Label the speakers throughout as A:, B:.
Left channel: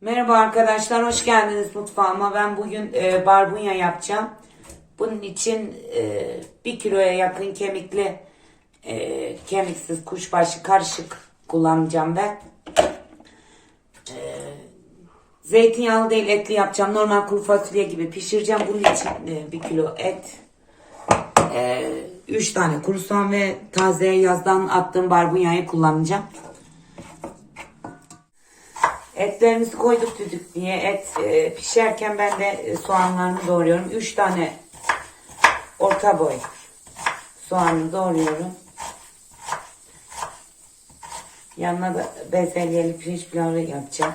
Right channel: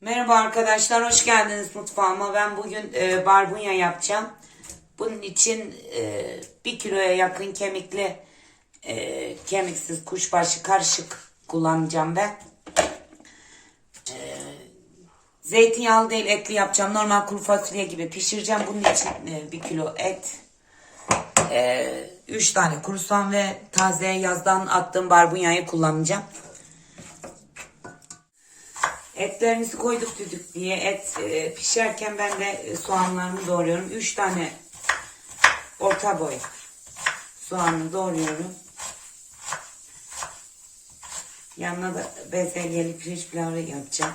A: Merhaba arkadaşlar, hoş geldiniz mutfağıma. Ben bugün e, barbunya yapacağım. Bunun için e, bir kiloya yakın kemikli, e, kemiksiz kuşbaşı karışık kullanacağım ben. E, zeytinyağlı değil, etli yapacağım. Normal kuru fasulye gibi pişireceğim. Bunun için e, bir kilo et, e, üç tane kuru soğan ve taze yazdan attığım barbunyayı kullanacağım. Etlerimizi koyduk düdük diye et e, pişerken ben de e, soğanlarını doğruyorum. 3 tane orta boy soğanı doğruyorum. Yanına da bezelyeli pirinç pilavı yapacağım.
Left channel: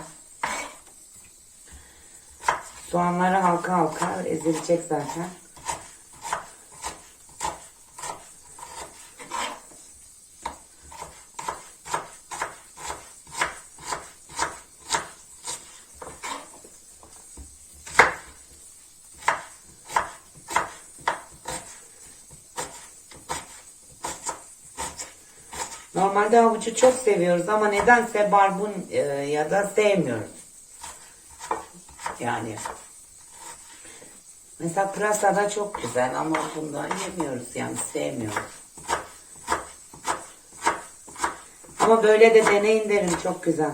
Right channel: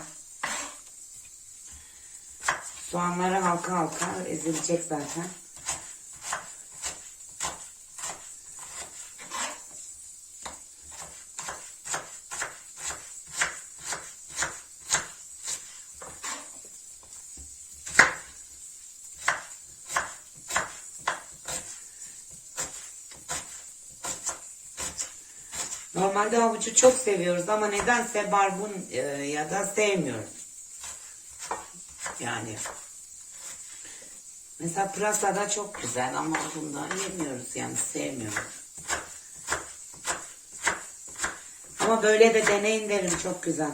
A: Soğanları halka halka ezilecek zaten. Normalde havucu çok seviyoruz ama nedense barbun e, ya da sevmiyoruz. Yani mesela pırasa da çok güzel ama bundan yemiyoruz yani sevmiyoruz. Ama böyle de deneyin derim çok güzel.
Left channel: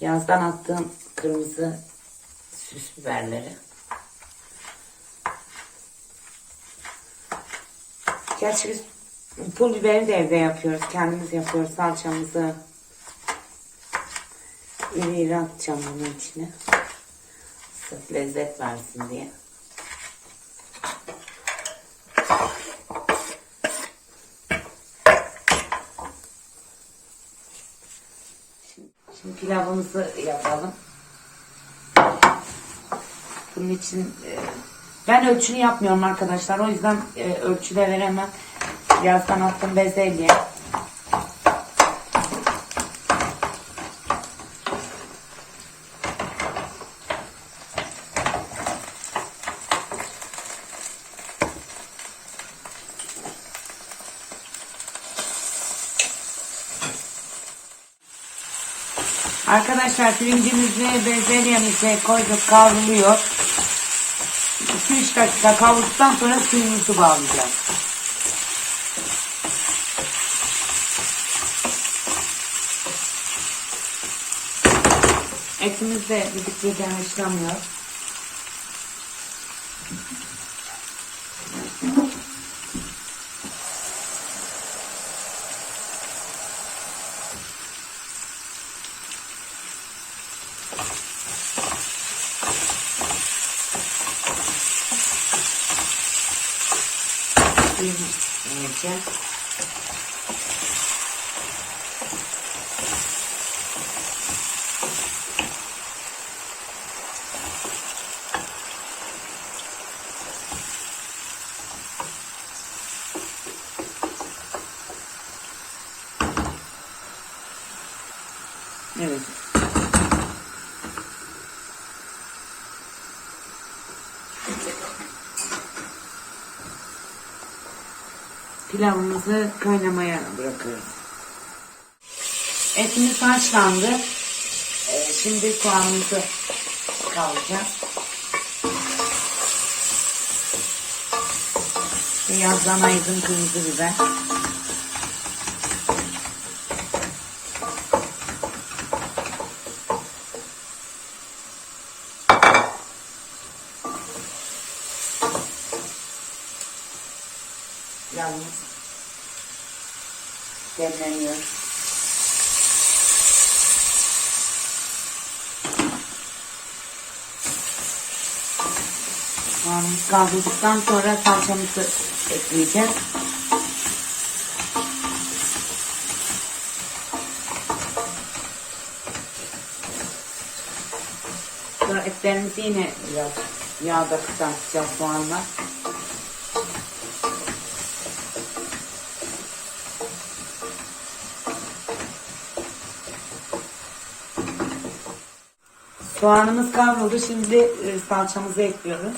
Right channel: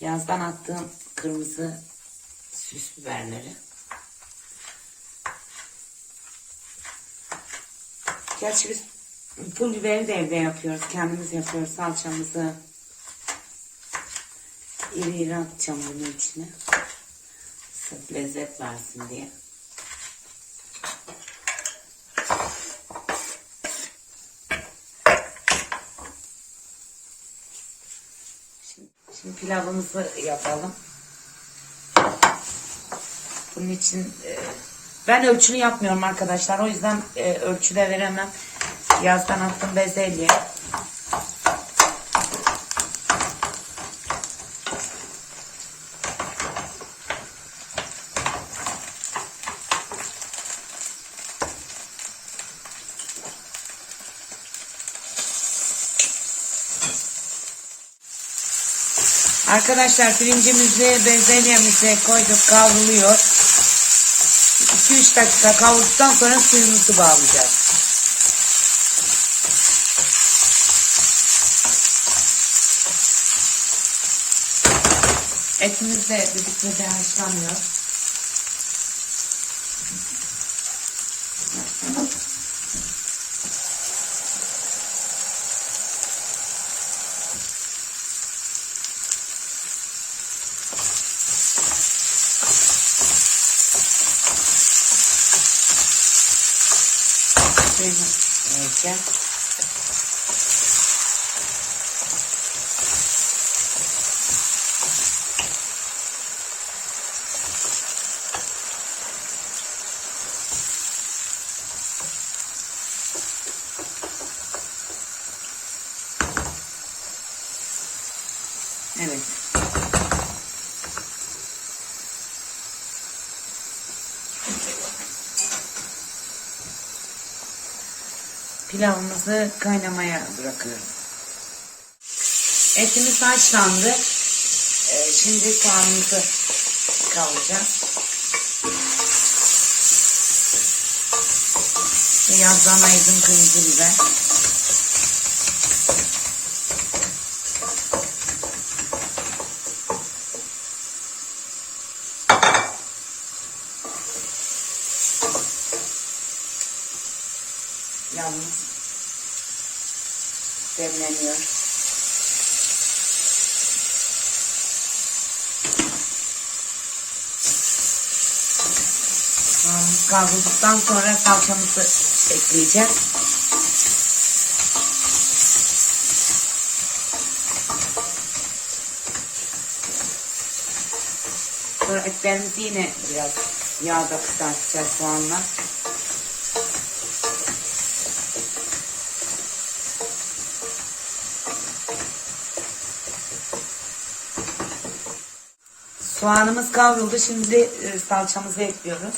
A: Yazdan attığım kırmızı süs biberleri. Gerçi biz pul biberi de evde yapıyoruz. Kendimiz yapıyoruz salçamızı. İri iri atacağım bunun içine. Sırf lezzet versin diye. Şimdi pilavımızı yapalım. Bunun için e, ben ölçülü yapmıyorum arkadaşlar. O yüzden e, ölçüde veremem. Yazdan attım bezelye. Arkadaşlar pirincimizi bezelyemize koyduk kavruluyor. 2-3 dakika kavurduktan sonra suyumuzu bağlayacağız. Etimiz de düdüklüden haşlanıyor. Mm -hmm. Pilavımızı kaynamaya bırakıyorum. Etimiz haşlandı. Ee, şimdi soğanımızı kavuracağız. Beyazlama edin kırmızı biber. Yalnız demleniyor. Soğanımız kavruldıktan sonra salçamızı ekleyeceğiz. Sonra etlerimizi yine biraz yağda kızartacağız soğanla. Soğanımız kavruldu. Şimdi e, salçamızı ekliyoruz.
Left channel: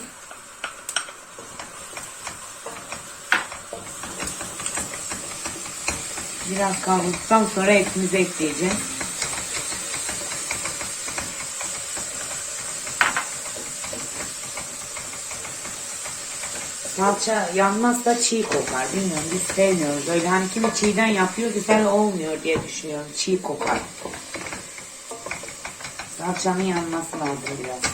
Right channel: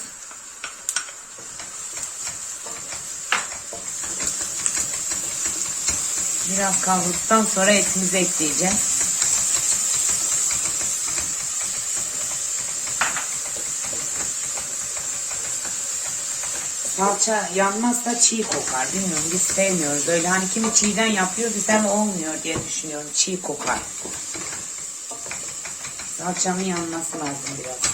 A: Biraz kavrulduktan sonra etimizi ekleyeceğiz. Salça yanmazsa çiğ kokar. Bilmiyorum biz sevmiyoruz. Öyle hani kimi çiğden yapıyor güzel olmuyor diye düşünüyorum. Çiğ kokar. Salçanın yanması lazım biraz.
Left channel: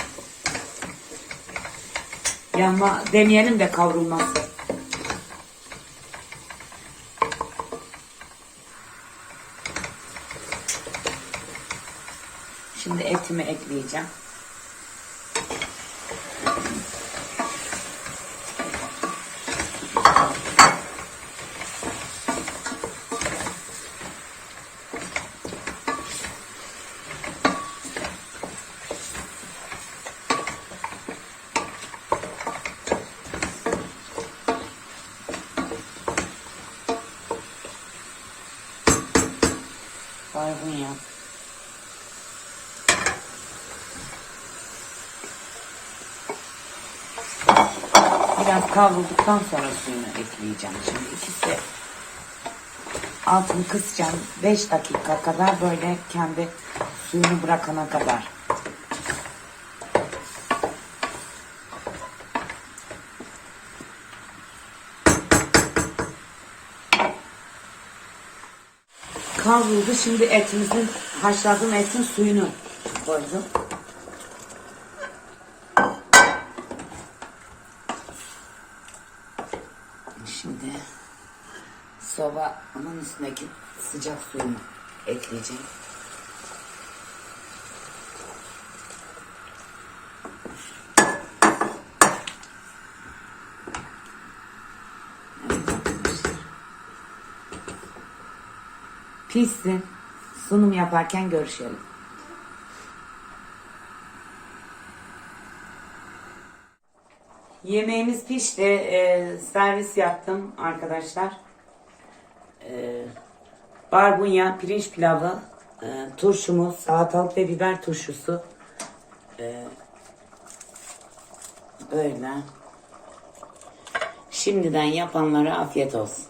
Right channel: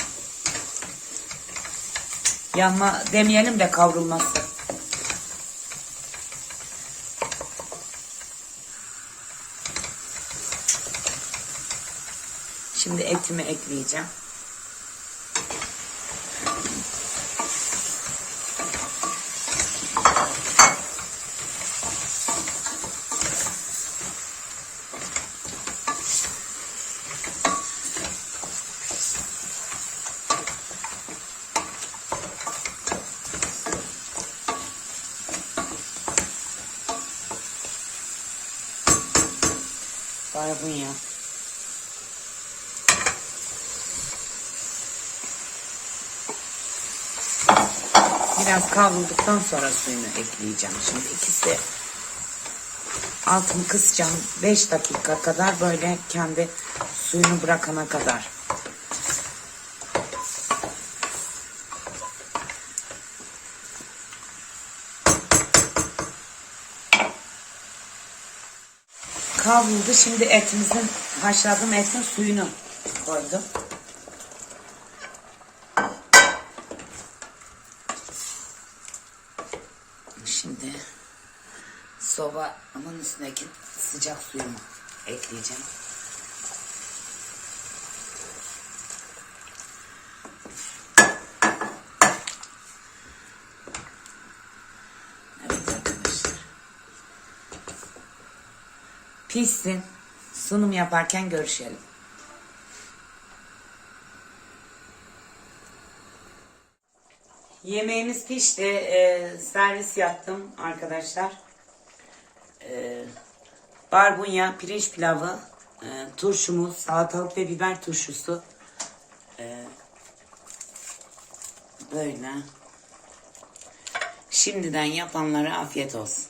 A: Yanma demeyelim de kavrulması. Şimdi etimi ekleyeceğim. Barbunya. Biraz kavrulduktan sonra suyunu ekleyeceğim. Şimdi ikisi altını kısacağım. 5 dakika kadar böyle kendi suyunu bırakana kadar. Kavruldu. Şimdi etimizin haşladığım etin suyunu koydum. Şimdi sobanın üstündeki sıcak suyumu ekleyeceğim. Pişsin. Sunum yaparken görüşelim. Yemeğimiz pişti. Ee, servis yaptım arkadaşlar. Ee, barbunya, pirinç pilavı, e, turşumuz, salatalık ve biber turşusu. Ee, böyle. Şimdiden yapanlara afiyet olsun.